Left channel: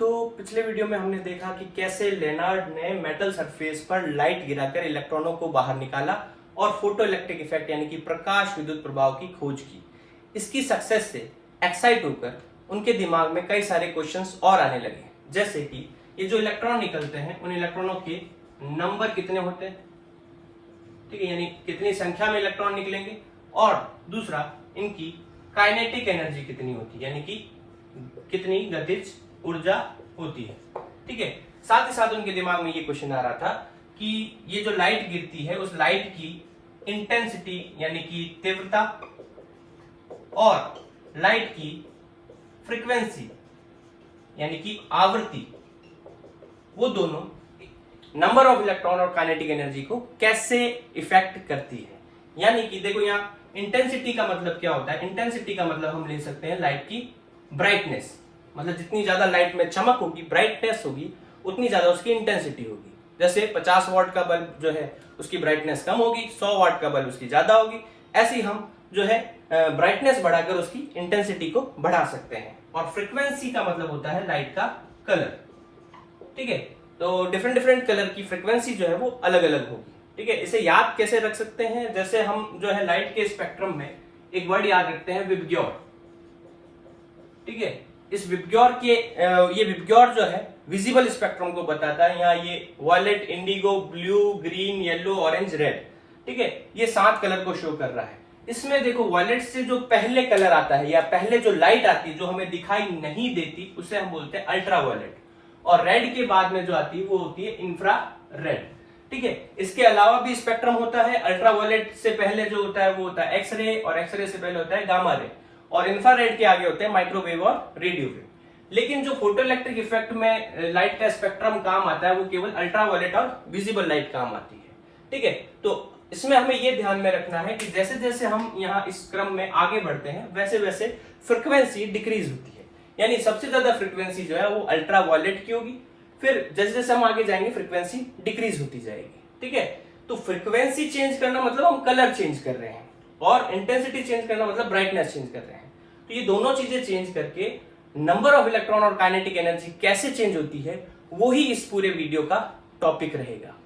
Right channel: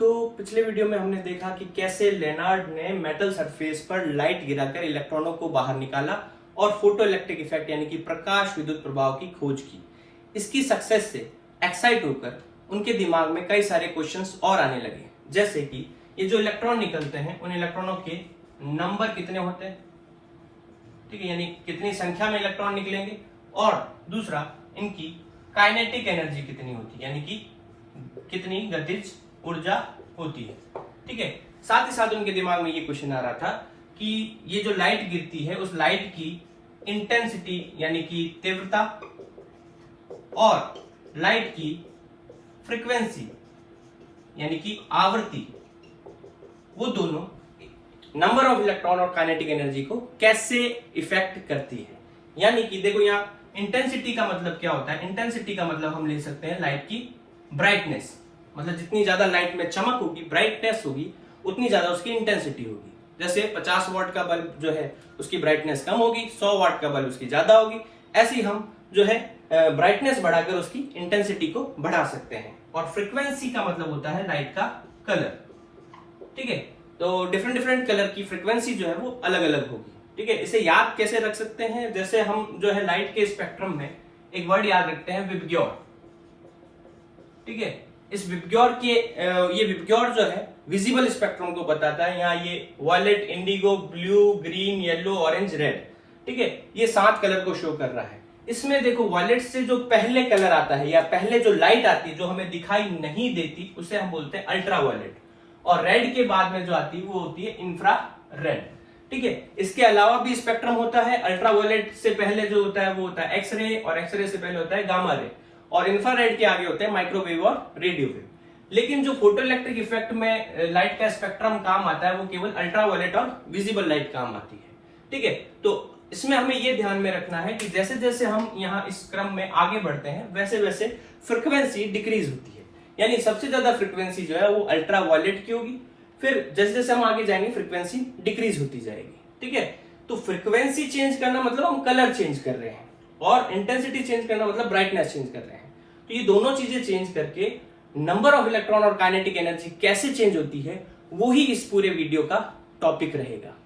तो पिछले वीडियो में हमने देखा कि कैसे लेनार्ड ने मेटल सरफेस पर लाइट गिराकर इलेक्ट्रॉनों को बाहर निकाला और फोटो इलेक्ट्रिक इफेक्ट यानी कि प्रकाश विद्युत प्रभाव की खोज की। इसकी सक्सेस से एक्साइट होकर उनके दिमाग में कई सारे क्वेश्चंस और आने लगे, जैसे कि ये जो इलेक्ट्रॉन निकलते हैं उन इलेक्ट्रॉनों के नंबर कितने होते हैं, ठीक है, यानी कितनी संख्या में इलेक्ट्रॉन निकलेंगे, और दूसरा इनकी काइनेटिक एनर्जी कितनी होती है, यानी कि कितनी गतिज ऊर्जा होती है। ठीक है, साथ ही साथ उनके दिमाग में ये क्वेश्चन आ रहा था कि ये जो लाइट गिरती है उस लाइट की इंटेंसिटी यानी कि तीव्रता और लाइट की फ्रीक्वेंसी यानी कि आवृत्ति, वो दोनों नंबर ऑफ इलेक्ट्रॉन और काइनेटिक एनर्जी को कैसे इफेक्ट करती है। यानी कि देखो यहाँ इंटेंसिटी का मतलब क्या होता है, इंटेंसिटी का मतलब हम ले सकते हैं लाइट की ब्राइटनेस, मतलब जितनी ज्यादा लाइट में चमक होगी, ब्राइटनेस होगी, उतनी ज्यादा उसकी इंटेंसिटी होगी। जैसे 50 वाट का बल्ब जो है उसकी ब्राइटनेस कम होगी, 100 वाट का बल्ब उसकी ज्यादा होगी, ऐसे ही हम जो है ब्राइटनेस बढ़ाकर उसकी इंटेंसिटी को बढ़ा सकते हैं। और फ्रीक्वेंसी का मतलब होता है लाइट का कलर। ठीक है, तो डिफरेंट डिफरेंट कलर की फ्रीक्वेंसी जो है वो अलग अलग होगी। ठीक है, इसे याद कैसे रख सकते हैं, जैसे हम जो है लाइट के स्पेक्ट्रम में एक वर्ड याद रखते हैं, विबग्योर। ठीक है, इस विबग्योर के ये विबग्योर जो है विजिबल स्पेक्ट्रम को बताता है। यहाँ ये violet, indigo, blue, green, yellow, orange, red, ठीक है, ये 7 कलर को शो कर रहा है। इसमें देखो वायलेट से जो पहले कलर आता है या पहले जो लाइट आती है जो हमें दिखाई नहीं देती उसे हम बोलते हैं अल्ट्रा वायलेट, और रेड के बाद में जो आती है वो होती है इंफ्रा रेड। ठीक है, इसके अलावा भी स्पेक्ट्रम होता है। अल्ट्रा वायलेट से पहले जो होता है वो होता है एक्सरे, और एक्सरे से पहले होता है गामा रे, और इंफ्रारेड के आगे होते हैं माइक्रोवेव और रेडियो वेव। लेकिन जो फोटो इलेक्ट्रिक इफेक्ट में लाइट का स्पेक्ट्रम काम आता है वो केवल अल्ट्रा वायलेट और विजिबल लाइट काम आती है। ठीक है, तो इसमें हमें ये ध्यान में रखना है कि जैसे जैसे हम यहाँ इस क्रम में आगे बढ़ते हैं वैसे वैसे फ्रीक्वेंसी डिक्रीज होती है, यानी सबसे ज्यादा फ्रीक्वेंसी जो है वो अल्ट्रा वायलेट की होगी, फिर जैसे जैसे हम आगे जाएंगे फ्रीक्वेंसी डिक्रीज होती जाएगी। ठीक है, तो फ्रीक्वेंसी चेंज करना मतलब हम कलर चेंज कर रहे हैं, और इंटेंसिटी चेंज करना मतलब ब्राइटनेस चेंज कर रहे हैं। तो ये दोनों चीजें चेंज करके नंबर ऑफ इलेक्ट्रॉन और काइनेटिक एनर्जी कैसे चेंज होती है वो ही इस पूरे वीडियो का टॉपिक रहेगा।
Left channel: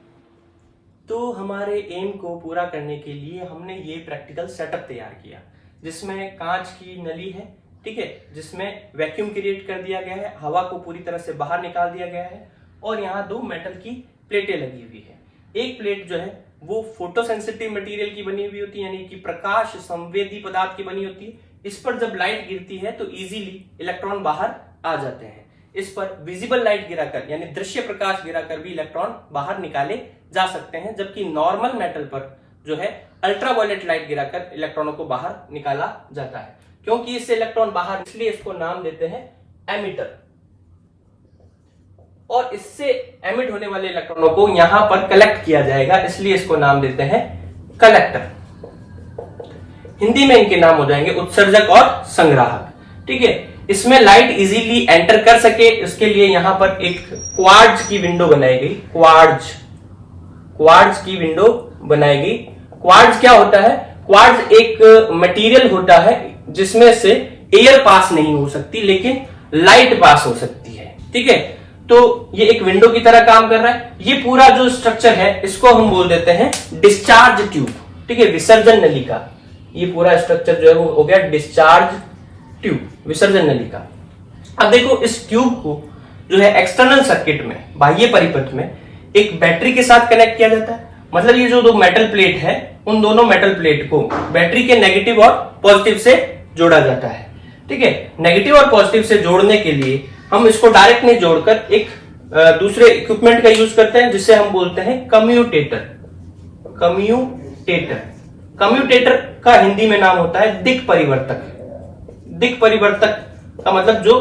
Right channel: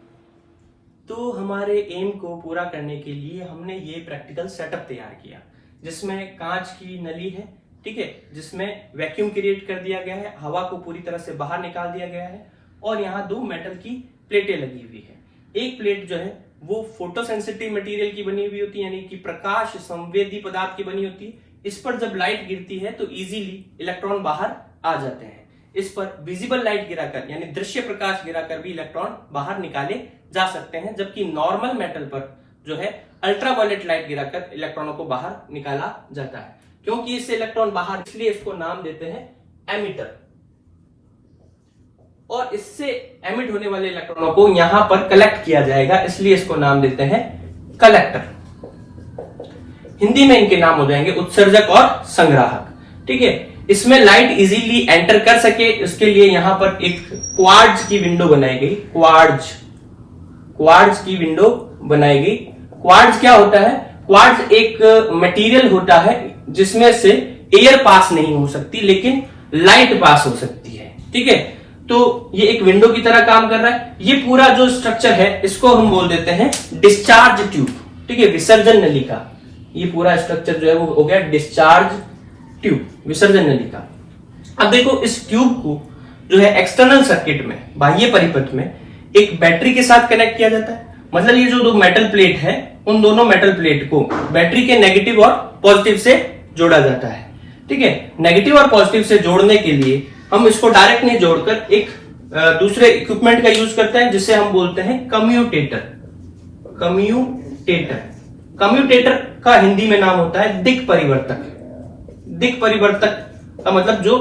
तो हमारे एम को पूरा करने के लिए हमने ये प्रैक्टिकल सेटअप तैयार किया, जिसमें कांच की नली है, ठीक है, जिसमें वैक्यूम क्रिएट कर दिया गया है, हवा को पूरी तरह से बाहर निकाल दिया गया है, और यहाँ 2 मेटल की प्लेटें लगी हुई है। एक प्लेट जो है वो फोटोसेंसिटिव मटेरियल की बनी हुई होती है, यानी कि प्रकाश संवेदी पदार्थ की बनी होती है। इस पर जब लाइट गिरती है तो इजीली इलेक्ट्रॉन बाहर आ जाते हैं। इस पर विजिबल लाइट गिराकर यानी दृश्य प्रकाश गिराकर भी इलेक्ट्रॉन बाहर निकाले जा सकते हैं, जबकि नॉर्मल मेटल पर जो है अल्ट्रावायलेट लाइट गिराकर इलेक्ट्रॉनों को बाहर निकाला जाता है। क्योंकि इससे इलेक्ट्रॉन बाहर, इसलिए इसको नाम देते हैं एमिटर, और इससे एमिट होने वाले इलेक्ट्रॉनों को यहां पर कलेक्ट किया जाएगा, इसलिए इसको नाम देते हैं कलेक्टर। हिंदी में इनके नाम हो जाएंगे उत्सर्जक और संग्राहक। ठीक है, इसमें लाइट इजीली एंटर कर सके इसके लिए यहां पर एक क्वार्ट्ज की विंडो बनाई गई। क्वार्ट्ज की विंडो बनाई गई। क्वार्ट्ज क्या होता है, क्वार्ट्ज एक मटेरियल होता है जिसमें से एयर पास नहीं हो सकती लेकिन लाइट पास हो सकती है। ठीक है, तो ये एक विंडो की तरह काम कर रहा है। ये पूरा जो स्ट्रक्चर है इसको हम बोल देते हैं डिस्चार्ज ट्यूब। ठीक है, विसर्जन नली का ये पूरा स्ट्रक्चर जो है वो हो गया डिस्चार्ज ट्यूब, विसर्जन नली का। अब देखो इस ट्यूब को जो है एक्सटर्नल सर्किट में, बाह्य परिपथ में एक बैटरी के साथ कनेक्ट किया जाता है। मतलब ये जो 2 मेटल प्लेट है उन दोनों मेटल प्लेट को बैटरी के नेगेटिव और पॉजिटिव से जोड़ा जाता है। ठीक है, नेगेटिव और पॉजिटिव से जोड़ने के लिए हम इसको डायरेक्ट नहीं जोड़कर एक दूसरे इक्विपमेंट का यूज करते हैं जिसे हम बोलते हैं कम्यूटेटर। कम्यूटेटर का हिंदी में नाम होता है दिक् परिवर्तक। दिक् परिवर्तक का मतलब जो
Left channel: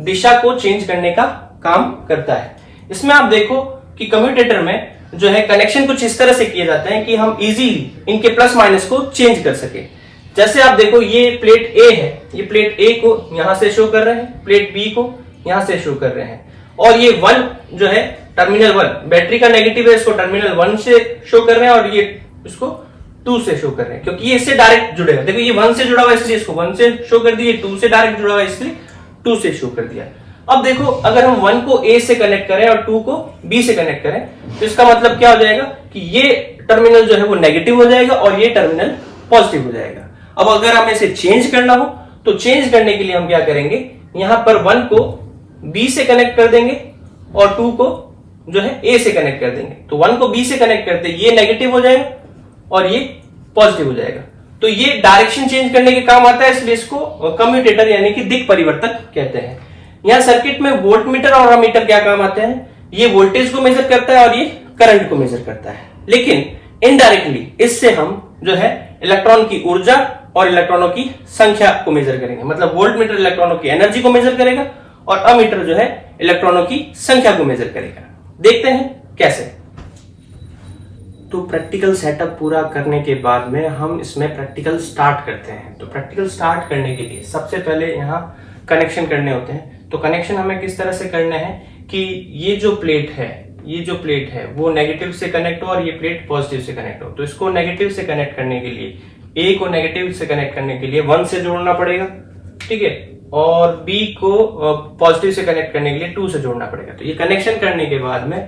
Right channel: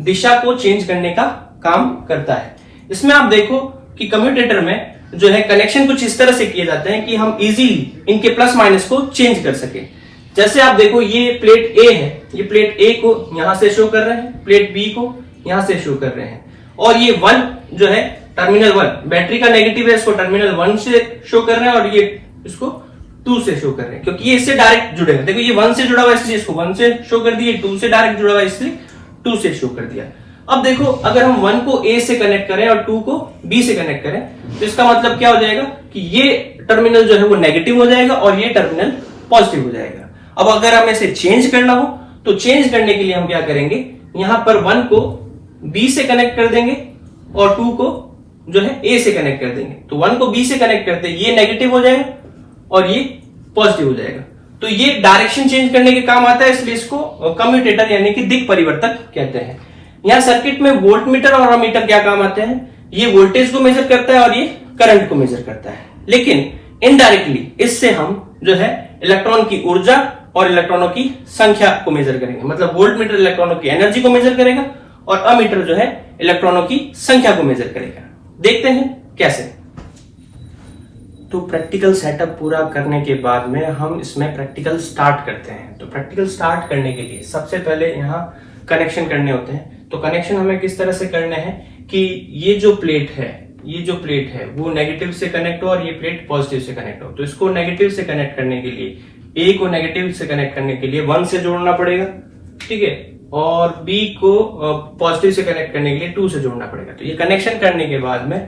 दिशा को चेंज करने का काम करता है। इसमें आप देखो कि कम्यूटेटर में जो है कनेक्शन कुछ इस तरह से किए जाते हैं कि हम इजीली इनके प्लस माइनस को चेंज कर सके। जैसे आप देखो ये प्लेट ए है, ये प्लेट ए को यहां से शो कर रहे हैं, प्लेट बी को यहां से शो कर रहे हैं, और ये 1 जो है टर्मिनल 1 बैटरी का नेगेटिव है, इसको टर्मिनल 1 से शो कर रहे हैं, और ये इसको 2 से शो कर रहे हैं क्योंकि ये इससे डायरेक्ट जुड़े हैं। देखो ये 1 से जुड़ा हुआ इसलिए इसको 1 से शो कर दिया, 2 से डायरेक्ट जुड़ा हुआ इसलिए 2 से शो कर दिया। अब देखो, अगर हम 1 को A से कनेक्ट करें और 2 को B से कनेक्ट करें, तो इसका मतलब क्या हो जाएगा कि ये टर्मिनल जो है वो नेगेटिव हो जाएगा और ये टर्मिनल पॉजिटिव हो जाएगा। अब अगर हमें इसे चेंज करना हो तो चेंज करने के लिए हम क्या करेंगे, यहां पर 1 को B से कनेक्ट कर देंगे और 2 को जो है A से कनेक्ट कर देंगे। तो 1 को B से कनेक्ट करते ये नेगेटिव हो जाएगा और ये पॉजिटिव हो जाएगा। तो ये डायरेक्शन चेंज करने के काम आता है, इसलिए इसको कम्यूटेटर यानी कि दिक् परिवर्तक कहते हैं। यहां सर्किट में वोल्टमीटर और अमीटर क्या काम आते हैं, ये वोल्टेज को मेजर करता है और ये करंट को मेजर करता है। लेकिन इनडायरेक्टली इससे हम जो है इलेक्ट्रॉन की ऊर्जा और इलेक्ट्रॉनों की संख्या को मेजर करेंगे। मतलब वोल्टमीटर इलेक्ट्रॉनों की एनर्जी को मेजर करेगा और अमीटर जो है इलेक्ट्रॉनों की संख्या को मेजर करेगा। देखते हैं कैसे। तो प्रैक्टिकल सेटअप पूरा करने के बाद में हम इसमें प्रैक्टिकल स्टार्ट करते हैं। तो प्रैक्टिकल स्टार्ट करने के लिए सबसे पहले यहाँ कनेक्शन करने होते हैं। तो कनेक्शन हमें किस तरह से करना है कि ये जो प्लेट है वो नेगेटिव से कनेक्ट हो और ये प्लेट पॉजिटिव से कनेक्ट हो। तो इसको नेगेटिव से कनेक्ट करने के लिए, ए को नेगेटिव से कनेक्ट करने के लिए 1 से जोड़ना पड़ेगा, ठीक है, और बी को पॉजिटिव से कनेक्ट करने के लिए 2 से जोड़ना पड़ेगा। तो ये कनेक्शन करने के बाद में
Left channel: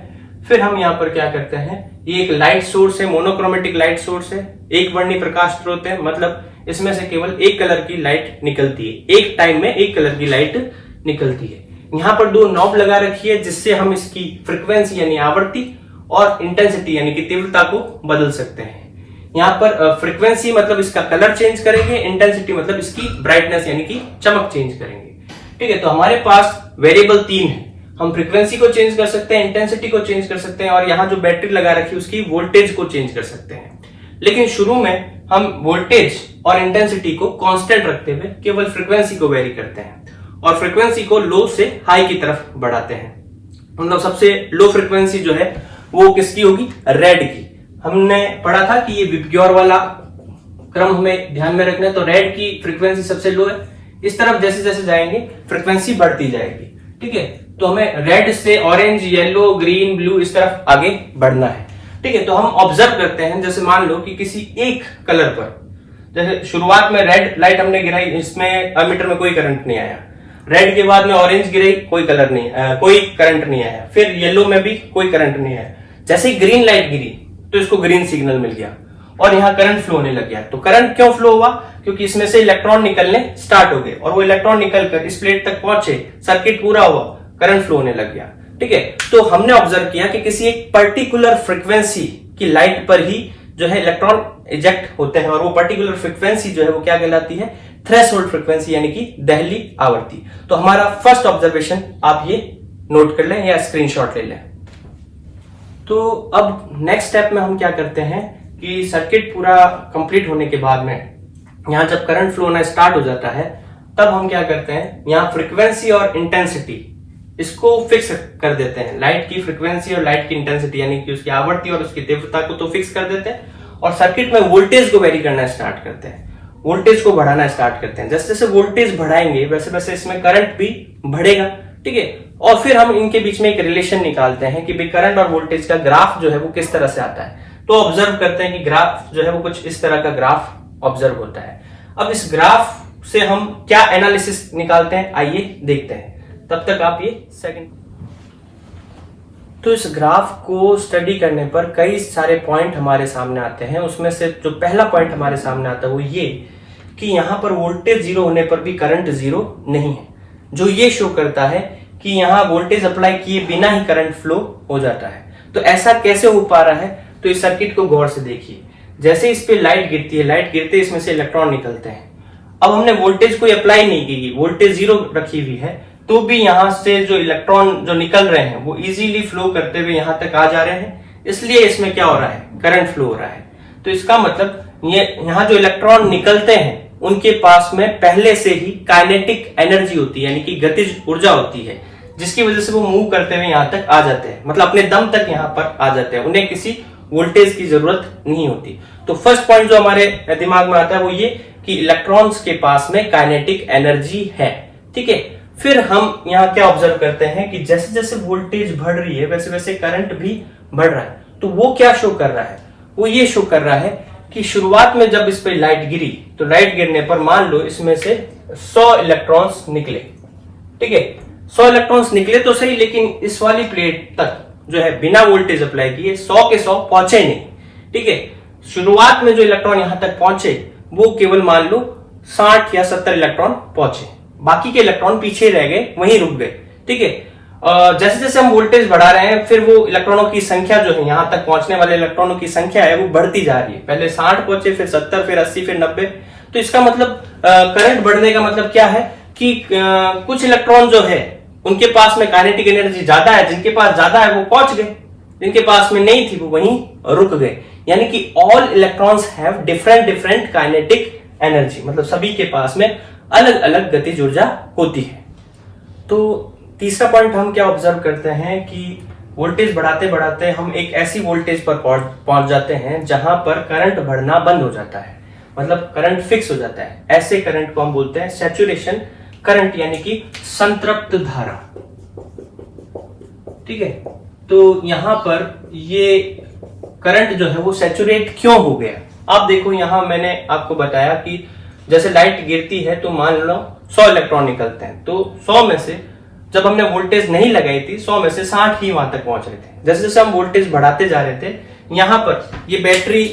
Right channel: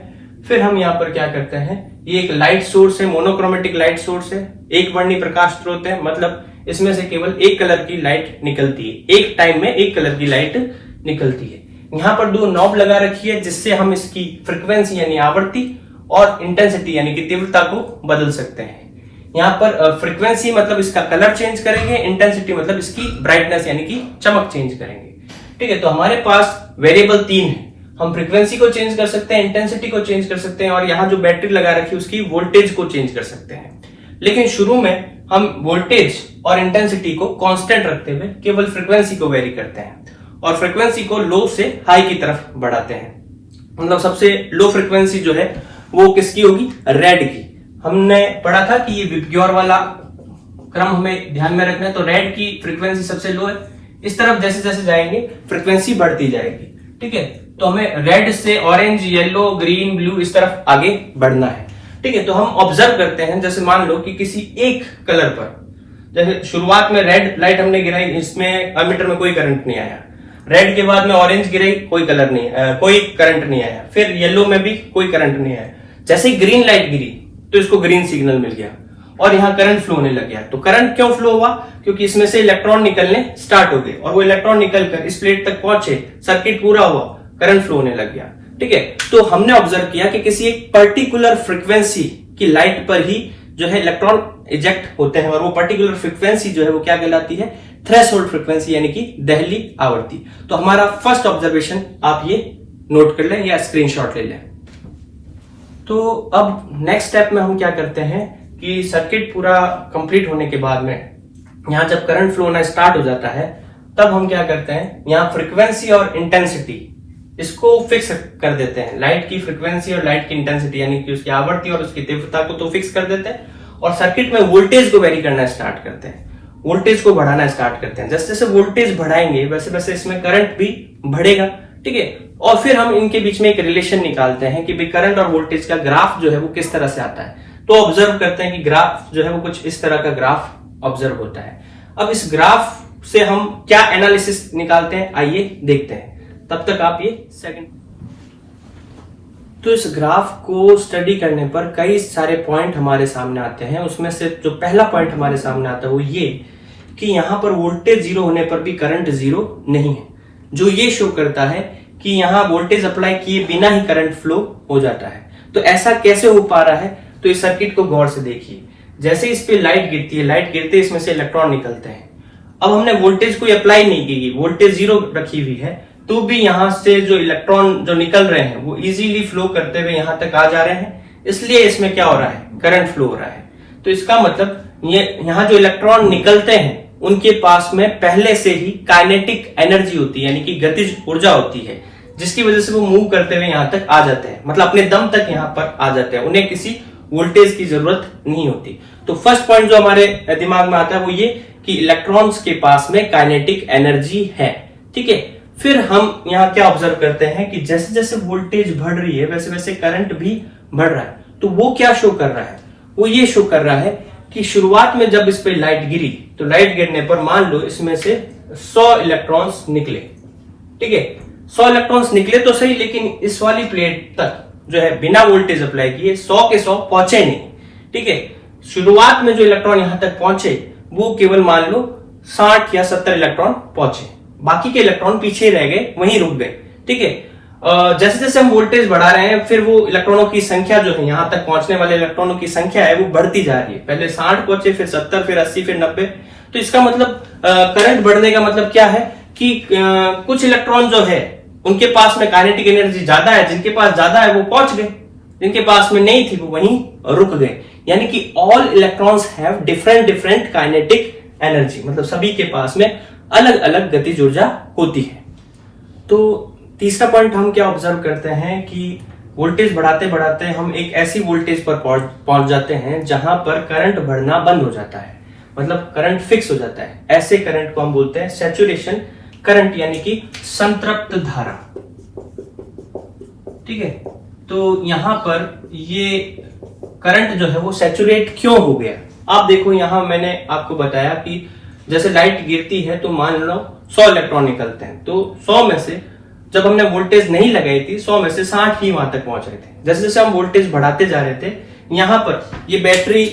फिर हम यहाँ पर क्या करते हैं, ये एक लाइट सोर्स है, मोनोक्रोमेटिक लाइट सोर्स है, एक वर्णी प्रकाश स्रोत है। मतलब इसमें से केवल एक कलर की लाइट निकलती है, एक टाइम में एक कलर की लाइट निकलती है। यहाँ पर 2 नॉब लगा रखी है जिससे हम इसकी फ्रीक्वेंसी यानी आवृत्ति और इंटेंसिटी यानी कि तीव्रता को बदल सकते हैं। यहाँ पर फ्रीक्वेंसी मतलब इसका कलर चेंज करेंगे, इंटेंसिटी मतलब इसकी ब्राइटनेस यानी कि चमक चेंज करेंगे। ठीक है, तो हमारे पास वेरिएबल 3 है। हम फ्रीक्वेंसी को चेंज कर सकते हैं, इंटेंसिटी को चेंज कर सकते हैं और यहाँ जो बैटरी लगा रखी है उसकी वोल्टेज को चेंज कर सकते हैं। लेकिन शुरू में हम वोल्टेज और इंटेंसिटी को कांस्टेंट रखते हुए केवल फ्रीक्वेंसी को वेरी करते हैं और फ्रीक्वेंसी को लो से हाई की तरफ बढ़ाते हैं। मतलब सबसे लो फ्रीक्वेंसी जो है वो किसकी होगी, रेड की। हमने पढ़ा था कि ये विबग्योर वाला क्रम हमें ध्यान में रखना है। तो रेड की फ्रीक्वेंसी सबसे लो है, इस तरफ जैसे जैसे जाएंगे फ्रीक्वेंसी बढ़ती जाएगी। ठीक है, तो हमें रेड से ऑरेंज, येलो, ग्रीन, ब्लू इस तरफ आगे बढ़ना है। ठीक है, तो हम ऑब्जर्व करते हैं, जैसे मान लो कि किसी एक कलर पर, जैसे शुरुआत में रेड लाइट हमने गिराई, इसमें अमीटर में कोई करंट नहीं आया। रेड के बाद में ऑरेंज गिराई, कोई कलर नहीं, कोई करंट नहीं आया। फिर येलो में भी कोई करंट नहीं आया। जैसे ही ग्रीन लाइट गिरी तो इसको ग्रीन सिग्नल मिल गया और यहाँ करंट फ्लो होने लग गया। तो करंट क्यों फ्लो हुआ, क्योंकि इसमें से इलेक्ट्रॉन निकलने स्टार्ट हो गए और वो इलेक्ट्रॉन निकलकर इस प्लेट तक पहुंचे, सर्किट पूरा हुआ, करंट फ्लो होने लग गया। ठीक है, तो हमने ऑब्जर्व किया कि किसी एक पर्टिकुलर फ्रीक्वेंसी की लाइट पर ही जो है इलेक्ट्रॉन इजेक्ट होते हैं और वो पर्टिकुलर फ्रीक्वेंसी जो है वो क्या कहलाती है, थ्रेशोल्ड फ्रीक्वेंसी यानी कि दहली आवृत्ति। तो हमारा फर्स्ट ऑब्जर्वेशन आप ये नोट कर लें या स्क्रीनशॉट ले लें। तो अब नेक्स्ट स्टेप में हम क्या करते हैं कि सर्किट पूरा कंप्लीट होने के बाद में यहां जब करंट फ्लो होना स्टार्ट हो जाता है तब हम क्या करते हैं, यहां फ्रीक्वेंसी और इंटेंसिटी इसको फिक्स कर देते हैं। लाइट की फ्रीक्वेंसी और लाइट की इंटेंसिटी यानी कि उसकी आवृत्ति और उसकी तीव्रता को तो फिक्स कर देते हैं और सर्किट में वोल्टेज को वेरी करना स्टार्ट करते हैं, वोल्टेज को बढ़ाना स्टार्ट करते हैं। जैसे जैसे वोल्टेज बढ़ाएंगे वैसे वैसे इसमें करंट भी बढ़ेगा। ठीक है, और फिर हम इनके बीच में एक रिलेशन निकालते हैं कि भाई करंट और वोल्टेज का ग्राफ जो है वो किस तरह से आता है। तो ऑब्जर्व करते हैं कि ग्राफ जो है वो कुछ इस तरह का ग्राफ ऑब्जर्व होता है। अब इस ग्राफ से हम क्या एनालिसिस निकालते हैं आइए देखते हैं। तब तक आप ये सेकंड। तो इस ग्राफ को स्टडी करने पर कई सारे पॉइंट हमारे सामने आते हैं। उसमें से जो पहला पॉइंट हमारे सामने आता है वो ये कि यहां पर वोल्टेज जीरो होने पर भी करंट जीरो नहीं है, जो ये शो करता है कि यहां वोल्टेज अप्लाई किए बिना ही करंट फ्लो हो जाता है। तो ऐसा कैसे हो पा रहा है, तो इस सर्किट को गौर से देखिए। जैसे इस पे लाइट गिरती है, लाइट गिरते इसमें से इलेक्ट्रॉन निकलते हैं। अब हमने वोल्टेज कोई अप्लाई नहीं की, वोल्टेज जीरो रखी हुई है, तो भी यहां से जो इलेक्ट्रॉन जो निकल रहे हैं वो इजीली फ्लो करते हुए यहां तक आ जा रहे हैं, इसलिए इसमें क्या हो रहा है, करंट फ्लो हो रहा है। तो इसका मतलब ये यहां जो इलेक्ट्रॉन निकलते हैं उनके पास में पहले से ही काइनेटिक एनर्जी होती है, यानी कि गतिज ऊर्जा होती है, जिसकी वजह से वो मूव करते हुए यहां तक आ जाते हैं, मतलब अपने दम तक यहां पर आ जाते हैं, उन्हें किसी वोल्टेज की जरूरत नहीं होती। तो फर्स्ट पॉइंट जो हमारे दिमाग में आता है वो ये कि इलेक्ट्रॉन्स के पास में काइनेटिक एनर्जी है। ठीक है, फिर हम यहाँ क्या ऑब्जर्व करते हैं कि जैसे जैसे वोल्टेज बढ़ रही है वैसे वैसे करंट भी बढ़ रहा है। तो वो क्या शो कर रहा है, वो ये शो कर रहा है कि शुरुआत में जब इस पे लाइट गिरी तो लाइट गिरने पर मान लो इसमें से 100 इलेक्ट्रॉन्स निकले। ठीक है, 100 इलेक्ट्रॉन्स निकले तो सही, लेकिन इस वाली प्लेट तक जो है बिना वोल्टेज अप्लाई किए 100 के 100 पहुंचे नहीं। ठीक है, शुरुआत में जो इलेक्ट्रॉन यहां तक पहुंचे वो केवल मान लो 60 या 70 इलेक्ट्रॉन पहुंचे, बाकी के इलेक्ट्रॉन पीछे रह गए, वहीं रुक गए। ठीक है, जैसे जैसे हम वोल्टेज बढ़ा रहे हैं, फिर वो इलेक्ट्रॉनों की संख्या जो है, यहां तक पहुंचने वाले इलेक्ट्रॉनों की संख्या है वो बढ़ती जा रही है। पहले 60 पहुंचे, फिर 70, फिर 80, फिर 90। तो इसका मतलब करंट बढ़ने का मतलब क्या है कि कुछ इलेक्ट्रॉन जो है उनके पास में काइनेटिक एनर्जी ज्यादा है, जिनके पास ज्यादा है वो पहुंच गए, जिनके पास में नहीं थी वो वहीं रुक गए। यानी कि all electrons have different different kinetic energy, मतलब सभी के पास में अलग अलग गतिज ऊर्जा होती है। तो तीसरा पॉइंट हम क्या ऑब्जर्व करते हैं कि वोल्टेज बढ़ाते बढ़ाते हम एक ऐसी वोल्टेज पर पहुंच जाते हैं जहां पर करंट बढ़ना बंद हो जाता है, मतलब करंट फिक्स हो जाता है। ऐसे करंट को हम बोलते हैं सैचुरेशन करंट, यानी कि संतृप्त धारा। ठीक है, तो यहां पर ये करंट जो है वो सैचुरेट क्यों हो गया? आप देखो, यहां मैंने आपको बताया कि जैसे लाइट गिरती है तो मान लो 100 इलेक्ट्रॉन निकलते हैं, तो 100 में से जब हमने वोल्टेज नहीं लगाई थी 100 में से 60 ही वहां तक पहुंच रहे थे। जैसे जैसे हम वोल्टेज बढ़ाते जा रहे थे, यहां पर ये बैटरी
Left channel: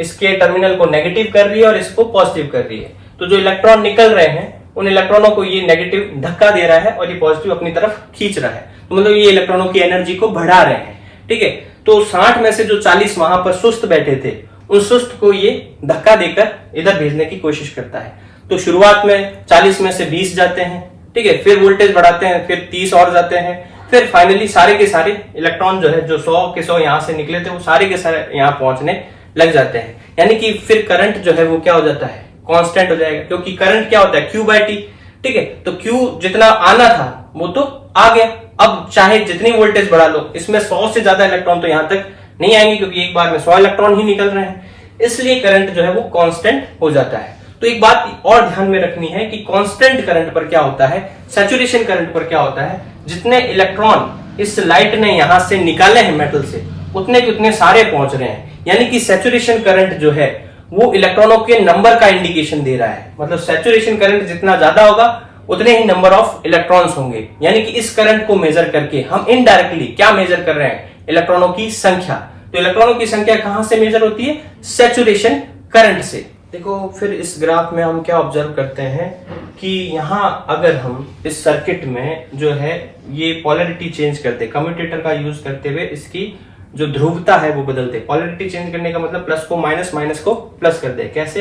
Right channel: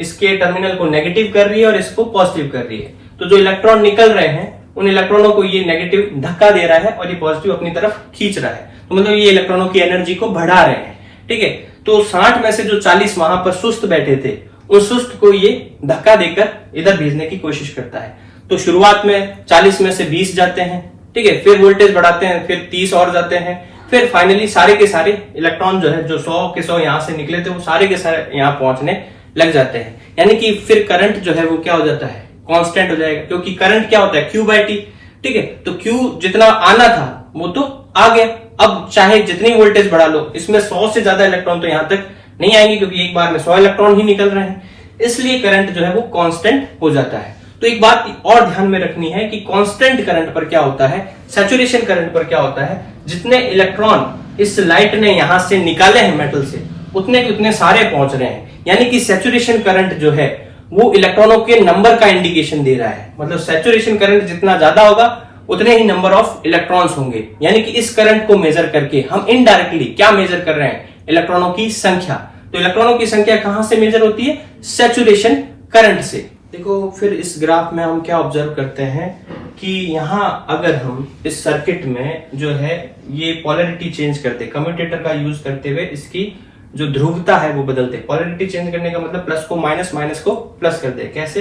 इसके टर्मिनल को नेगेटिव कर रही है और इसको पॉजिटिव कर रही है। तो जो इलेक्ट्रॉन निकल रहे हैं उन इलेक्ट्रॉनों को ये नेगेटिव धक्का दे रहा है और ये पॉजिटिव अपनी तरफ खींच रहा है। तो मतलब ये इलेक्ट्रॉनों की एनर्जी को बढ़ा रहे हैं। ठीक है, तो 60 में से जो 40 वहां पर सुस्त बैठे थे, उस सुस्त को ये धक्का देकर इधर भेजने की कोशिश करता है। तो शुरुआत में 40 में से 20 जाते हैं। ठीक है, फिर वोल्टेज बढ़ाते हैं, फिर 30 और जाते हैं, फिर फाइनली सारे के सारे इलेक्ट्रॉन जो है, जो 100 के 100 यहां से निकले थे, वो सारे के सारे यहां पहुंचने लग जाते हैं। यानी कि फिर करंट जो है वो क्या हो जाता है, कांस्टेंट हो जाएगा, क्योंकि करंट क्या होता है, Q/T। ठीक है, तो Q जितना आना था वो तो आ गया। अब चाहे जितनी वोल्टेज बढ़ा लो, इसमें 100 से ज्यादा इलेक्ट्रॉन तो यहां तक नहीं आएंगे, क्योंकि एक बार में 100 इलेक्ट्रॉन ही निकल रहे हैं, इसलिए करंट जो है वो कांस्टेंट हो जाता है। तो एक बात और ध्यान में रखनी है कि कांस्टेंट करंट पर क्या होता है, सैचुरेशन करंट पर क्या होता है, जितने इलेक्ट्रॉन इस लाइट ने यहां से निकाले हैं मेटल से, उतने के उतने सारे पहुंच रहे हैं। यानी कि सैचुरेशन करंट जो है वो इलेक्ट्रॉनों के नंबर का इंडिकेशन दे रहा है। मतलब सैचुरेशन करंट जितना ज्यादा होगा उतने ही नंबर ऑफ इलेक्ट्रॉन्स होंगे। यानी कि इस करंट को मेजर करके हम इनडायरेक्टली क्या मेजर कर रहे हैं, इलेक्ट्रॉनों की संख्या। तो इलेक्ट्रॉनों की संख्या कहां से मेजर होती है, सैचुरेशन करंट से। देखो, फिर इस ग्राफ में हम क्या ऑब्जर्व करते हैं कि यहां अगर हम इस सर्किट में जो है ये पोलैरिटी चेंज करते, कम्यूटेटर का यूज करते हुए इसकी जो ध्रुवता है वो बदलते। पोलैरिटी चेंज करने का मतलब प्लस को माइनस, माइनस को प्लस कर दे। कैसे?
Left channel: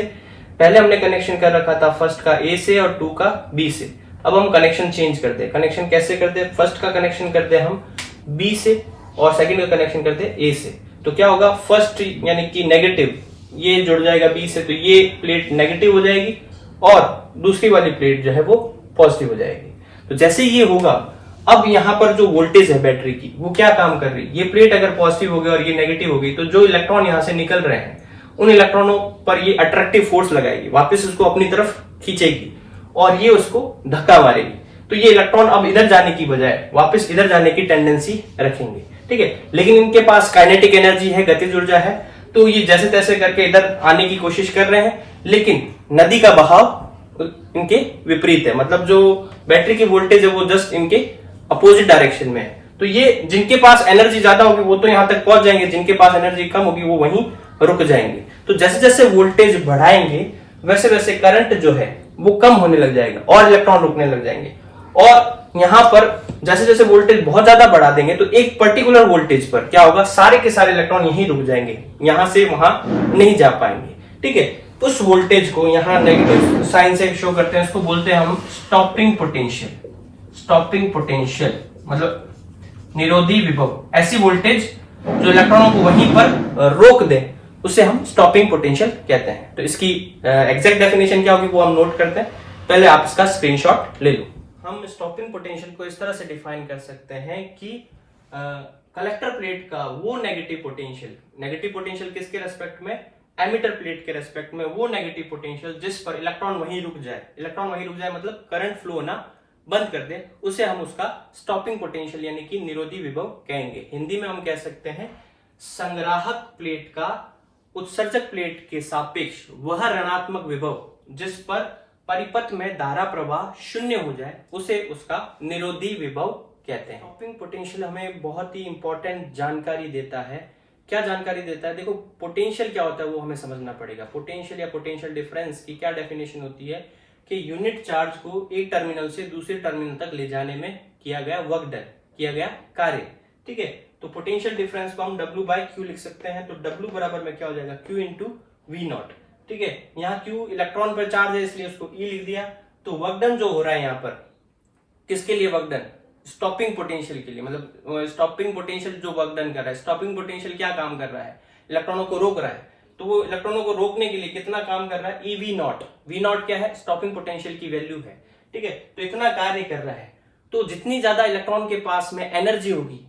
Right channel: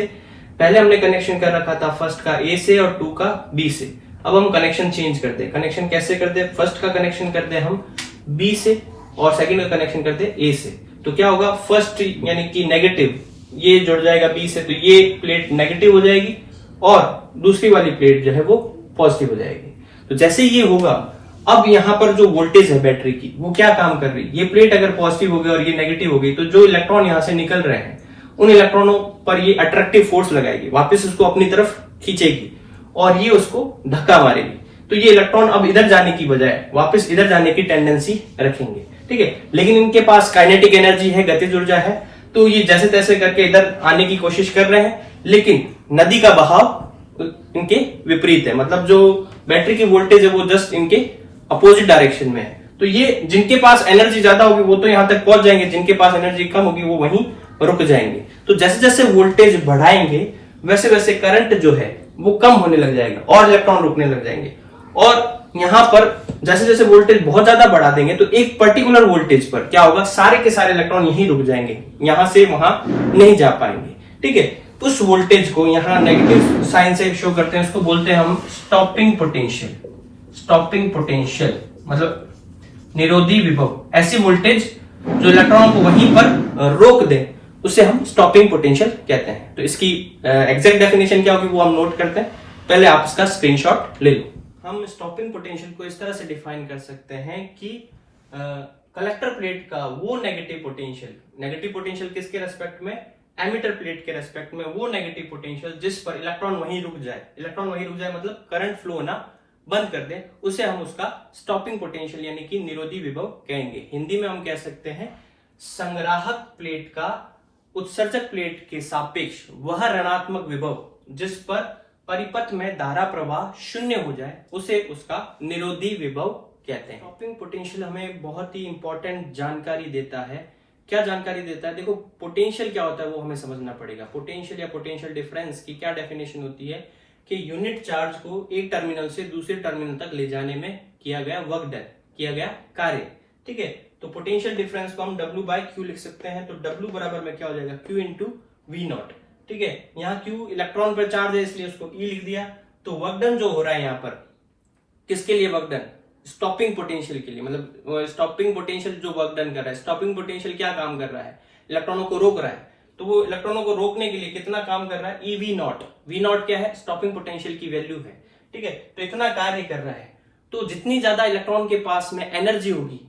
पहले हमने कनेक्शन कर रखा था फर्स्ट का A से और 2 का B से। अब हम कनेक्शन चेंज कर दे। कनेक्शन कैसे कर दे, फर्स्ट का कनेक्शन कर दे हम B से और सेकंड का कनेक्शन कर दे A से। तो क्या होगा, फर्स्ट यानी कि नेगेटिव ये जुड़ जाएगा B से, तो ये प्लेट नेगेटिव हो जाएगी और दूसरी वाली प्लेट जो है वो पॉजिटिव हो जाएगी। तो जैसे ये होगा, अब यहां पर जो वोल्टेज है बैटरी की वो क्या काम कर रही है, ये प्लेट अगर पॉजिटिव हो गई और ये नेगेटिव हो गई, तो जो इलेक्ट्रॉन यहां से निकल रहे हैं उन इलेक्ट्रॉनों पर ये अट्रैक्टिव फोर्स लगाएगी, वापस उसको अपनी तरफ खींचेगी और ये उसको धक्का मारेगी। तो ये इलेक्ट्रॉन अब इधर जाने की बजाय वापस इधर जाने की टेंडेंसी रखेंगे। ठीक है, लेकिन इनके पास काइनेटिक एनर्जी है, गतिज ऊर्जा है, तो ये जैसे तैसे करके इधर आने की कोशिश कर रहे हैं। लेकिन नदी का बहाव इनके विपरीत है, मतलब जो बैटरी की वोल्टेज है वो जस्ट इनके अपोजिट डायरेक्शन में है। तो ये जिनके पास एनर्जी ज्यादा होगी वो तो यहां तक पहुंच जाएंगे, जिनके पास एनर्जी कम होगी वो वहीं रुक जाएंगे। तो जैसे जैसे वोल्टेज बढ़ाएंगे वैसे वैसे करंट जो है वो कम होने लग जाएगा और इलेक्ट्रॉन रुकने लग जाएंगे। और यहां पर जैसे जैसे वोल्टेज बहुत ज्यादा बढ़ा देंगे तो एक पर्टिकुलर वोल्टेज पर क्या होगा, सारे के सारे इलेक्ट्रॉन यहीं रुक जाएंगे, यहां से वहां नहीं जा पाएंगे। ठीक है, उस वोल्टेज को यहां नेगेटिव साइन से शो करते हैं, उसको बोलते हैं हम स्टॉपिंग पोटेंशियल। स्टॉपिंग पोटेंशियल मतलब निरोधी विभव। ऐसी वोल्टेज जो इलेक्ट्रॉनों को वहीं पर रोक दे उसे हम स्टॉपिंग पोटेंशियल कहते हैं। तो इसकी एग्जैक्ट डेफिनेशन क्या होगी वो हम नोट करते हैं। पहले आप इसका स्क्रीनशॉट ले लो। हम स्टॉपिंग पोटेंशियल को इस तरह से डिफाइन कर सकते हैं कि कलेक्टर प्लेट का वो नेगेटिव पोटेंशियल किसके रेस्पेक्ट में, एमिटर प्लेट के रेस्पेक्ट में वो नेगेटिव पोटेंशियल जिस पर इलेक्ट्रॉन वहीं रुक जाए मतलब करंट फ्लो होना बंद कर दे, उसे हम उसका स्टॉपिंग पोटेंशियल यानी कि निरोधी विभव कहेंगे। हिंदी में हम कह सकते हैं संग्राहक प्लेट का उत्सर्जक प्लेट के सापेक्ष वह ऋणात्मक विभव जिस पर परिपथ में धारा प्रवाह शून्य हो जाए उसे उसका निरोधी विभव कहते हैं। स्टॉपिंग पोटेंशियल हमें बहुत ही इंपॉर्टेंट जानकारी देता है। क्या जानकारी देता है? देखो, पोटेंशियल क्या होता है वो हमें समझना पड़ेगा। पोटेंशियल या पोटेंशियल डिफरेंस की क्या डेफिनेशन होती है कि यूनिट चार्ज को एक टर्मिनल से दूसरे टर्मिनल तक ले जाने में किया गया वर्क डन, किया गया कार्य। ठीक है, तो पोटेंशियल डिफरेंस को हम W/Q लिख सकते हैं। तो W बराबर में क्या हो जाएगा? Q into V0। ठीक है, यहाँ Q इलेक्ट्रॉन पर चार्ज है इसलिए उसको E लिख दिया। तो वर्क डन जो हो रहा है यहाँ पर किसके लिए वर्क डन? स्टॉपिंग पोटेंशियल के लिए। मतलब स्टॉपिंग पोटेंशियल जो वर्क डन कर रहा है, स्टॉपिंग पोटेंशियल क्या काम कर रहा है? इलेक्ट्रॉनों को रोक रहा है। तो वो इलेक्ट्रॉनों को रोकने के लिए कितना काम कर रहा है? EV0। V0 क्या है? स्टॉपिंग पोटेंशियल की वैल्यू है। ठीक है, तो इतना कार्य कर रहा है। तो जितनी ज्यादा इलेक्ट्रॉन के पास में एनर्जी होगी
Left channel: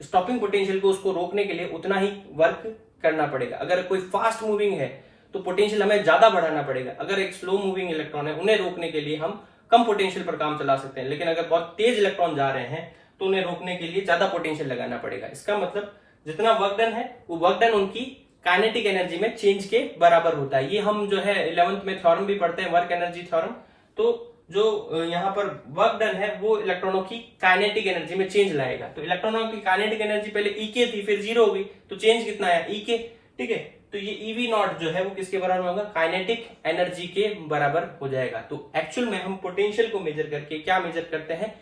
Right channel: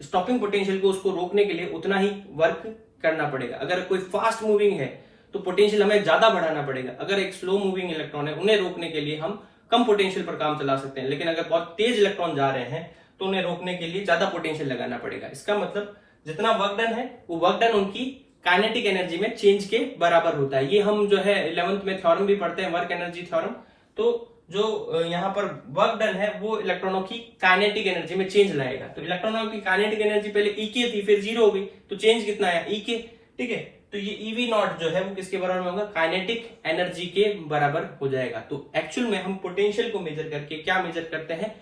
स्टॉपिंग पोटेंशियल को उसको रोकने के लिए उतना ही वर्क करना पड़ेगा। अगर कोई फास्ट मूविंग है तो पोटेंशियल हमें ज्यादा बढ़ाना पड़ेगा। अगर एक स्लो मूविंग इलेक्ट्रॉन है उन्हें रोकने के लिए हम कम पोटेंशियल पर काम चला सकते हैं। लेकिन अगर बहुत तेज इलेक्ट्रॉन जा रहे हैं तो उन्हें रोकने के लिए ज्यादा पोटेंशियल लगाना पड़ेगा। इसका मतलब जितना वर्क डन है वो वर्क डन उनकी काइनेटिक एनर्जी में चेंज के बराबर होता है। ये हम जो है 11th में थ्योरम भी पढ़ते हैं, वर्क एनर्जी थ्योरम। तो जो यहाँ पर वर्क डन है वो इलेक्ट्रॉनों की काइनेटिक एनर्जी में चेंज लाएगा। तो इलेक्ट्रॉनों की काइनेटिक एनर्जी पहले EK थी, फिर 0 हो गई, तो चेंज कितना आया? EK। ठीक है, तो ये EV0 जो है वो किसके बराबर होगा? काइनेटिक एनर्जी के बराबर हो जाएगा। तो एक्चुअल में हम पोटेंशियल को मेजर करके क्या मेजर करते हैं?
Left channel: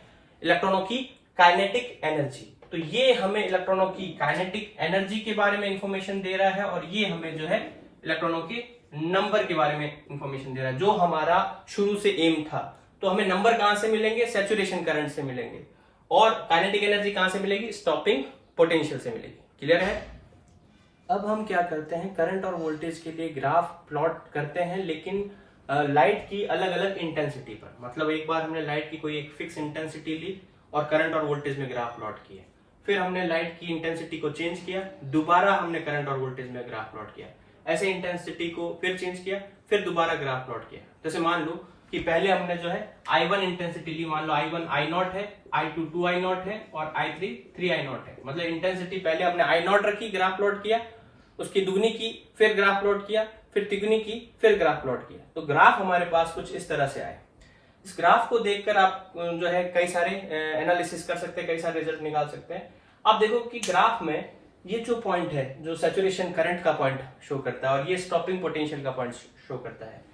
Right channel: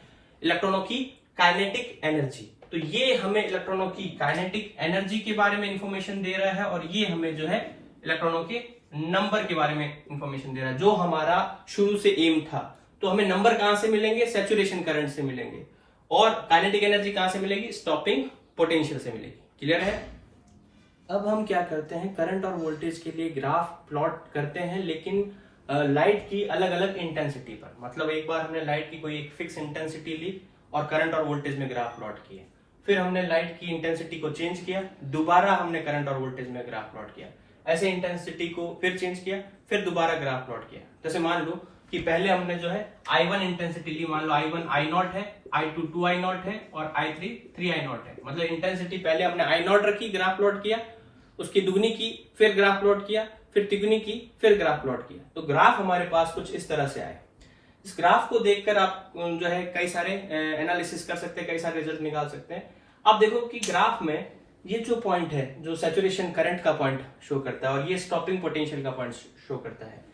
इलेक्ट्रॉनों की काइनेटिक एनर्जी। तो ये हमें इलेक्ट्रॉनों की काइनेटिक एनर्जी के बारे में इंफॉर्मेशन दे रहा है और ये हमें जो है इलेक्ट्रॉनों के नंबर के बारे में इंफॉर्मेशन दे रहा है, जो हमारा शुरू से एम था। तो हमें नंबर कहां से मिलेंगे? सैचुरेशन करंट से मिलेंगे। और काइनेटिक एनर्जी कहां से मिलेगी? स्टॉपिंग पोटेंशियल से मिलेगी। क्लियर है? अब हम क्या करते हैं, करंट और वोल्टेज के लिए ग्राफ प्लॉट करते हैं, लेकिन लाइट की अलग अलग इंटेंसिटी पर। मतलब एक बार हमने लाइट की कोई एक फिक्स इंटेंसिटी ली और करंट और वोल्टेज में ग्राफ प्लॉट किए। फिर हमने लाइट की इंटेंसिटी को चेंज किया, दोबारा हमने करंट और वोल्टेज में ग्राफ प्लॉट किया। ऐसे इंटेंसिटी को फिर चेंज किया, फिर दोबारा ग्राफ प्लॉट किया। जैसे मान लो कि पहले हमने जो है I1 इंटेंसिटी ली, मान लो I1 I0 है, I2 2I0 है और I3 3I0 है। मतलब इंटेंसिटी पहले हमने I0 रखी, ग्राफ प्लॉट किया, उसकी दुगनी की, फिर ग्राफ प्लॉट किया, फिर तिगुनी की, फिर ग्राफ प्लॉट किया। तो ग्राफ हमारे पास कुछ इस तरह से आए। इस ग्राफ को देखकर आप जो है कई सारे एनालिसिस कर सकते हैं, कई सारे रिजल्ट निकाल सकते हैं। आप देखो कि ग्राफ में ये जो पॉइंट है जो सैचुरेशन करंट का पॉइंट शो करता है और ये स्टॉपिंग पोटेंशियल का पॉइंट शो करता है।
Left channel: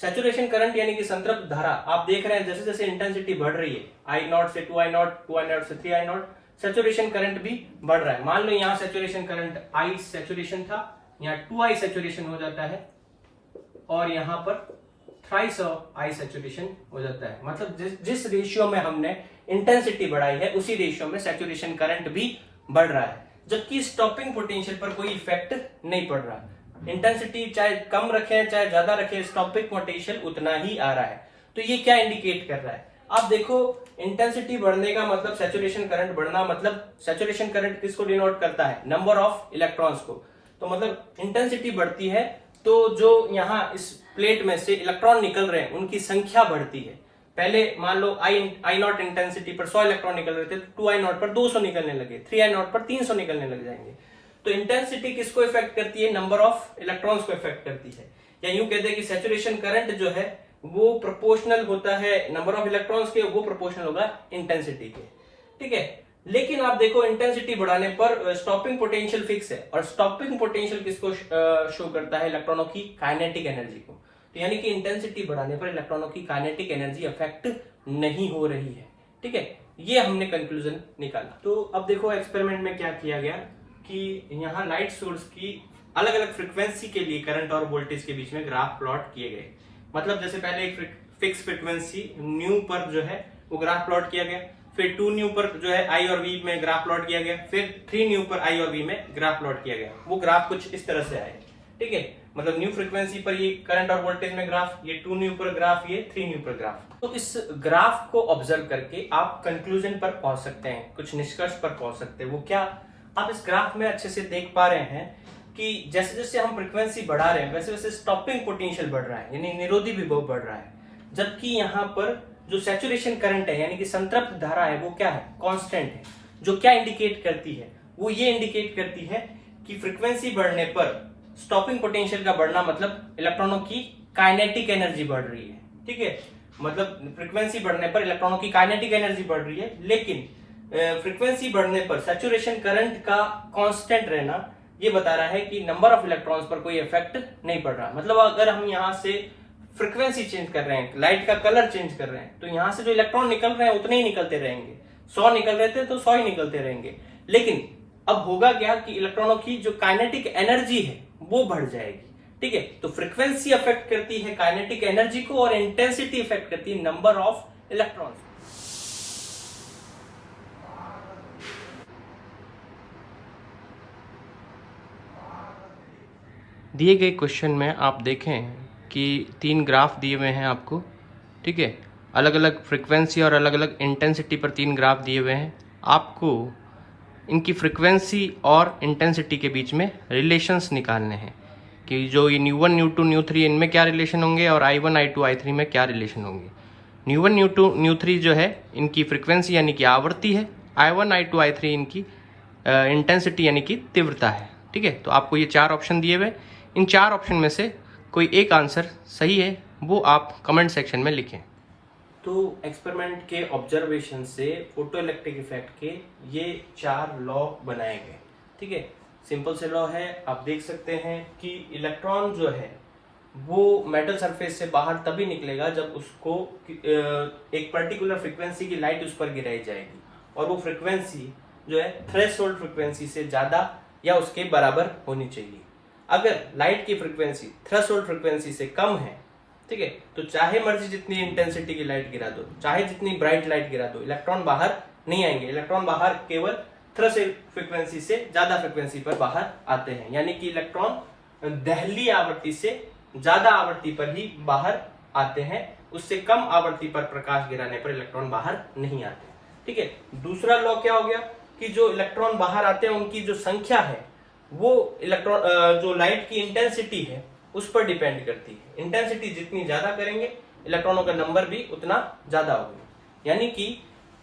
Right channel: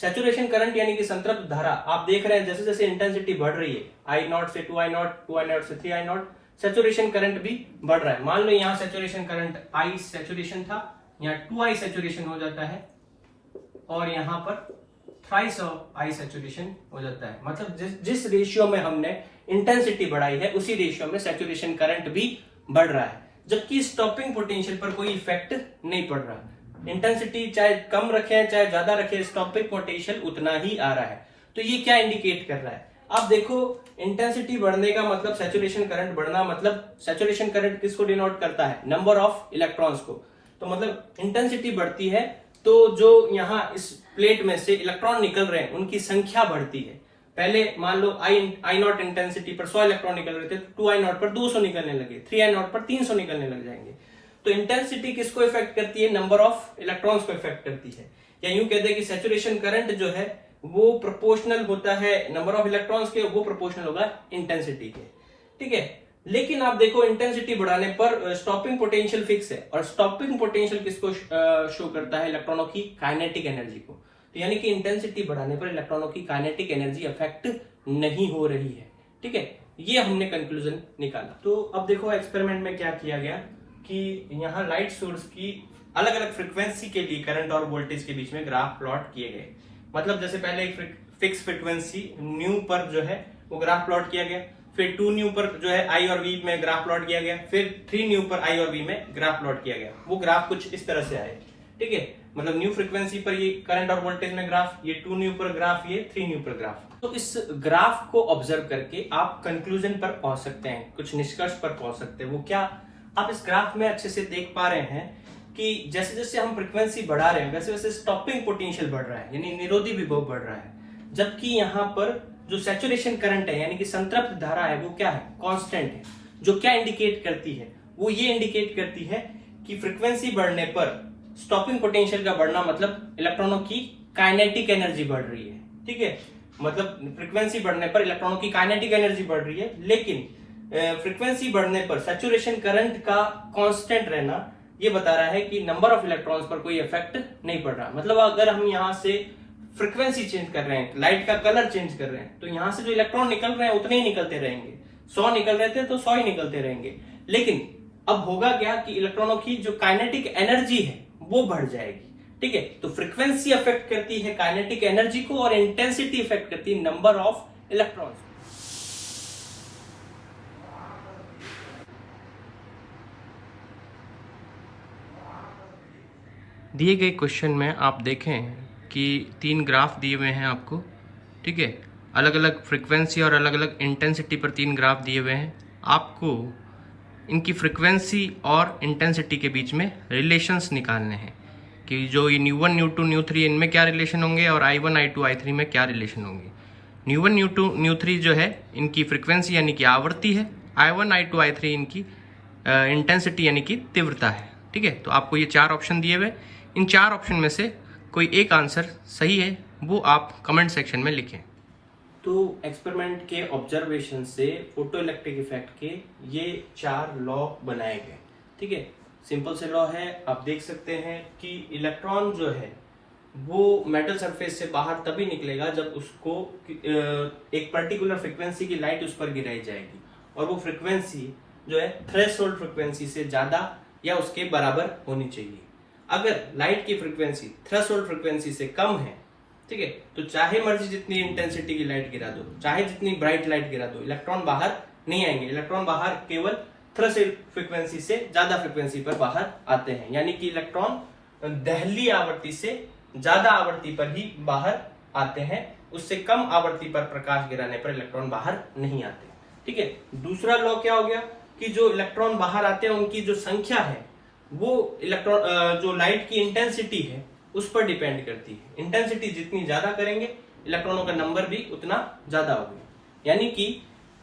सैचुरेशन करंट यानी कि संतृप्त धारा, आप देख रहे हैं जैसे जैसे इंटेंसिटी बढ़ रही है, I0 से 2I0, 2I0 से 3I0, सैचुरेशन करंट भी बढ़ रहा है। मान लो यहाँ सैचुरेशन करंट I सैचुरेशन था, यहाँ 2I सैचुरेशन हो जाता है और यहाँ पर थ्राइस ऑफ I सैचुरेशन हो जाता है। मतलब जिस रेशियो में हमने इंटेंसिटी बढ़ाई है उसी रेशियो में सैचुरेशन करंट भी बढ़ रहा है, जबकि स्टॉपिंग पोटेंशियल पर कोई इफेक्ट नहीं पड़ रहा। इंटेंसिटी चाहे कम रखे चाहे ज्यादा रखे, स्टॉपिंग पोटेंशियल उतना ही आ रहा है। तो ये क्या इंडिकेट कर रहा है? आप देखो, इंटेंसिटी बढ़ने का मतलब सैचुरेशन करंट बढ़ना, मतलब सैचुरेशन करंट किसको डिनोट करता है? नंबर ऑफ इलेक्ट्रॉन्स को। तो मतलब इंटेंसिटी बढ़ती है तो जो यहाँ इस प्लेट में से इलेक्ट्रॉन निकल रहे हैं उनकी संख्या बढ़ती है। पहले मान लो I0 इंटेंसिटी पर 100 इलेक्ट्रॉन निकल रहे थे, तो 2I0 पर 200 निकलने लगे, 3I0 पर 300 निकलने लग जाएंगे। तो इंटेंसिटी किसको इफेक्ट करती है? नंबर ऑफ इलेक्ट्रॉन्स को इफेक्ट करती है। या यूं कहते हैं कि सैचुरेशन करंट जो है वो प्रोपोर्शनल होता है नंबर ऑफ इलेक्ट्रॉन्स के, वो प्रोपोर्शनल होगा इंटेंसिटी के। ठीक है, लेकिन आप देखो इंटेंसिटी बढ़ाने पर स्टॉपिंग पोटेंशियल फिक्स है और स्टॉपिंग पोटेंशियल किसको शो करता है? इलेक्ट्रॉनों की काइनेटिक एनर्जी को। तो यानी कि इंटेंसिटी बढ़ाने पर इलेक्ट्रॉनों की काइनेटिक एनर्जी अफेक्ट नहीं हो रही है। ठीक है, ये हमने कंक्लूजन निकाला। तो अब देखो एक्सपेरिमेंट में क्या किया गया कि यहाँ लाइट सोर्स की अलग अलग फ्रीक्वेंसी के लिए करंट और वोल्टेज के बीच में ग्राफ प्लॉट किए गए। मतलब जैसे पहले एक फिक्स फ्रीक्वेंसी न्यू पर जो है वो ग्राफ प्लॉट किया गया, फिर 2 न्यू पर जो है I और V में ग्राफ प्लॉट किया गया, फिर 3 न्यू पर I और V में ग्राफ प्लॉट किया गया। वो ग्राफ कुछ इस तरह से आए। ठीक है, मतलब न्यू फ्रीक्वेंसी पर ये करंट और वोल्टेज में ग्राफ, ये 2 न्यू पर ग्राफ, ये 3 न्यू पर ग्राफ। तो इस ग्राफ को ऑब्जर्व करके आप कंक्लूजन पर पहुंच सकते हैं, कुछ निष्कर्ष पर पहुंच सकते हैं। वो क्या? आप इस ग्राफ में अच्छे से देख पा रहे हैं कि जैसे जैसे हम फ्रीक्वेंसी बढ़ा रहे हैं वैसे वैसे स्टॉपिंग पोटेंशियल बढ़ रहा है, यानी निरोधी विभव बढ़ रहा है। जबकि यहाँ पर जो सैचुरेशन करंट है यानी कि संतृप्त धारा है वो क्या है? कांस्टेंट है। जो क्या इंडिकेट करती है? वो ये इंडिकेट करती है कि फ्रीक्वेंसी बढ़ने पर स्टॉपिंग पोटेंशियल का बढ़ना मतलब इलेक्ट्रॉनों की काइनेटिक एनर्जी बढ़ रही है। ठीक है, मतलब फ्रीक्वेंसी बढ़ने पर इलेक्ट्रॉनों की काइनेटिक एनर्जी बढ़ रही है, लेकिन फ्रीक्वेंसी बढ़ने पर सैचुरेशन करंट का कांस्टेंट रहना ये बता रहा है कि नंबर ऑफ इलेक्ट्रॉन्स पर कोई इफेक्ट नहीं पड़ रहा। मतलब अगर हम यहाँ से फ्रीक्वेंसी चेंज कर रहे हैं, लाइट का कलर चेंज कर रहे हैं, तो यहाँ से जो इलेक्ट्रॉन निकल रहे हैं उतने ही निकलते रहेंगे। 100 निकल रहे थे तो 100 ही निकलते रहेंगे। लेकिन अब होगा क्या कि इलेक्ट्रॉनों की जो काइनेटिक एनर्जी है वो बढ़ जाएगी। ठीक है, तो फ्रीक्वेंसी अफेक्ट करती है काइनेटिक एनर्जी को और इंटेंसिटी अफेक्ट करती है नंबर ऑफ इलेक्ट्रॉन्स। दिए गए क्वेश्चन में आप देखें कि 3 ग्राफ दिए हुए हैं आपको। ठीक है, अलग अलग फ्रीक्वेंसी और अलग अलग इंटेंसिटी पर 3 ग्राफ दिए हुए हैं। आपको इनकी फ्रीक्वेंसी और इंटेंसिटी के बीच में रिलेशंस निकालने हैं कि जो ये न्यू 1 न्यू 2 न्यू 3 इनमें क्या रिलेशन होंगे और I1 I2 I3 में क्या रिलेशन होंगे। न्यू 1 न्यू 2 न्यू 3 जो है इनकी फ्रीक्वेंसी यानी कि आवृत्ति है, I1 I2 I3 इनकी इंटेंसिटी यानी कि तीव्रता है। ठीक है, तो आपको ये 4 ऑप्शन दिए हुए, इन 4 ऑप्शन में से कोई एक आंसर सही है वो आप कमेंट सेक्शन में लिखें। तो एक्सपेरिमेंट के ऑब्जर्वेशन से फोटो इलेक्ट्रिक इफेक्ट के ये 4 लॉ बनाए गए। ठीक है, सिंपल से लॉ है, आप देख सकते हैं कि इलेक्ट्रॉन जो है वो मेटल सरफेस से बाहर तभी निकलेगा जब उसको एक पर्टिकुलर फ्रीक्वेंसी की लाइट उस पर गिराई जाएगी और वो फ्रीक्वेंसी जो है थ्रेशोल्ड फ्रीक्वेंसी से ज्यादा या उसके बराबर होनी चाहिए। अगर लाइट की फ्रीक्वेंसी थ्रेशोल्ड फ्रीक्वेंसी से कम है, ठीक है, तो चाहे मर्जी जितनी इंटेंसिटी की लाइट गिरा दो, चाहे जितनी ब्राइट लाइट गिरा दो, इलेक्ट्रॉन बाहर नहीं आएंगे। इलेक्ट्रॉन बाहर केवल थ्रेशोल्ड फ्रीक्वेंसी से ज्यादा फ्रीक्वेंसी पर बाहर आते हैं, यानी कि इलेक्ट्रॉन दहली आवृत्ति से ज्यादा आवृत्ति पर ही बाहर आते हैं। उससे कम आवृत्ति पर प्रकाश गिराने पर इलेक्ट्रॉन बाहर नहीं आते। ठीक है, दूसरा लॉ क्या हो गया कि जो इलेक्ट्रॉन बाहर आते हैं उनकी जो संख्या है वो इलेक्ट्रॉन जो लाइट की इंटेंसिटी है उस पर डिपेंड करती है। इंटेंसिटी जितनी ज्यादा करेंगे इलेक्ट्रॉनों का नंबर भी उतना ज्यादा होगा, यानी कि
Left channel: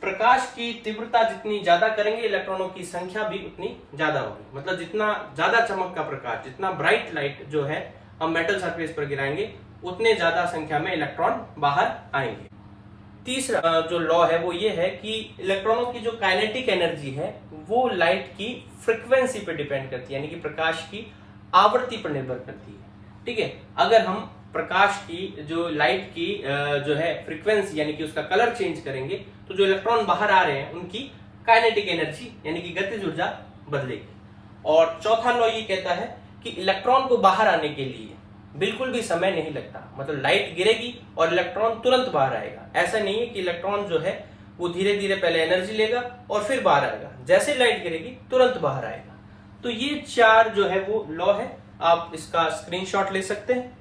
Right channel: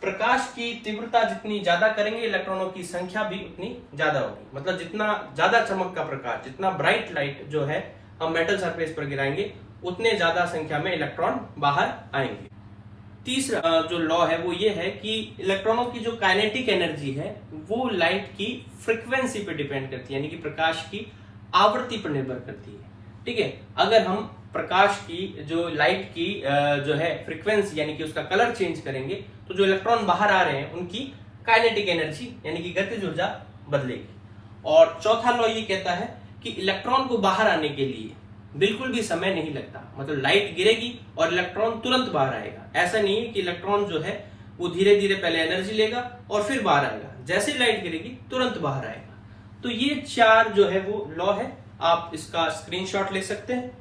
प्रकाश की तीव्रता जितनी ज्यादा करेंगे इलेक्ट्रॉनों की संख्या भी उतनी ज्यादा होगी। मतलब जितना ज्यादा चमक का प्रकाश, जितना ब्राइट लाइट जो है हम मेटल सरफेस पर गिराएंगे उतने ज्यादा संख्या में इलेक्ट्रॉन बाहर आएंगे। तीसरा जो लॉ है वो ये है कि इलेक्ट्रॉनों की जो काइनेटिक एनर्जी है वो लाइट की फ्रीक्वेंसी पर डिपेंड करती है, यानी कि प्रकाश की आवृत्ति पर निर्भर करती है। ठीक है, अगर हम प्रकाश की जो लाइट की जो है फ्रीक्वेंसी यानी कि उसका कलर चेंज करेंगे तो जो इलेक्ट्रॉन बाहर आ रहे हैं उनकी काइनेटिक एनर्जी यानी कि गतिज ऊर्जा बदलेगी। और चौथा लॉ ये कहता है कि इलेक्ट्रॉन को बाहर आने के लिए बिल्कुल भी समय नहीं लगता। मतलब लाइट गिरेगी और इलेक्ट्रॉन तुरंत बाहर आएगा। ऐसा नहीं है कि इलेक्ट्रॉन जो है वो धीरे धीरे पहले एनर्जी लेगा और फिर बाहर आएगा, जैसे लाइट गिरेगी तुरंत बाहर आएगा। तो ये 4 जो है वो लॉ है, आप इसका स्क्रीनशॉट ले सकते हैं।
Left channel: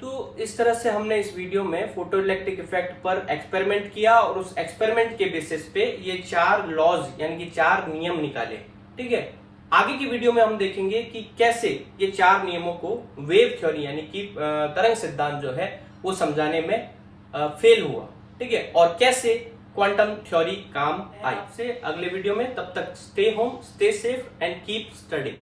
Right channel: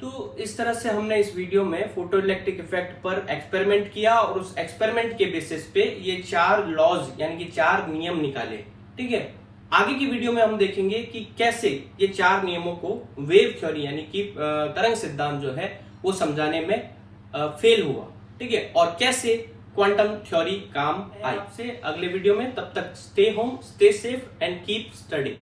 तो इस तरह से हमने इस वीडियो में फोटो इलेक्ट्रिक इफेक्ट पर एक्सपेरिमेंट किया और उस एक्सपेरिमेंट के बेसिस पे ये 4 लॉज यानी कि 4 नियम निकाले। ठीक है, आगे की वीडियो में हम देखेंगे कि कैसे ये 4 नियमों को वेव थ्योरी यानी कि तरंग सिद्धांत जो है वो समझाने में फेल हुआ। ठीक है, और कैसे क्वांटम थ्योरी काम आई। से अगले वीडियो में, तब तक stay home, stay safe and keep study.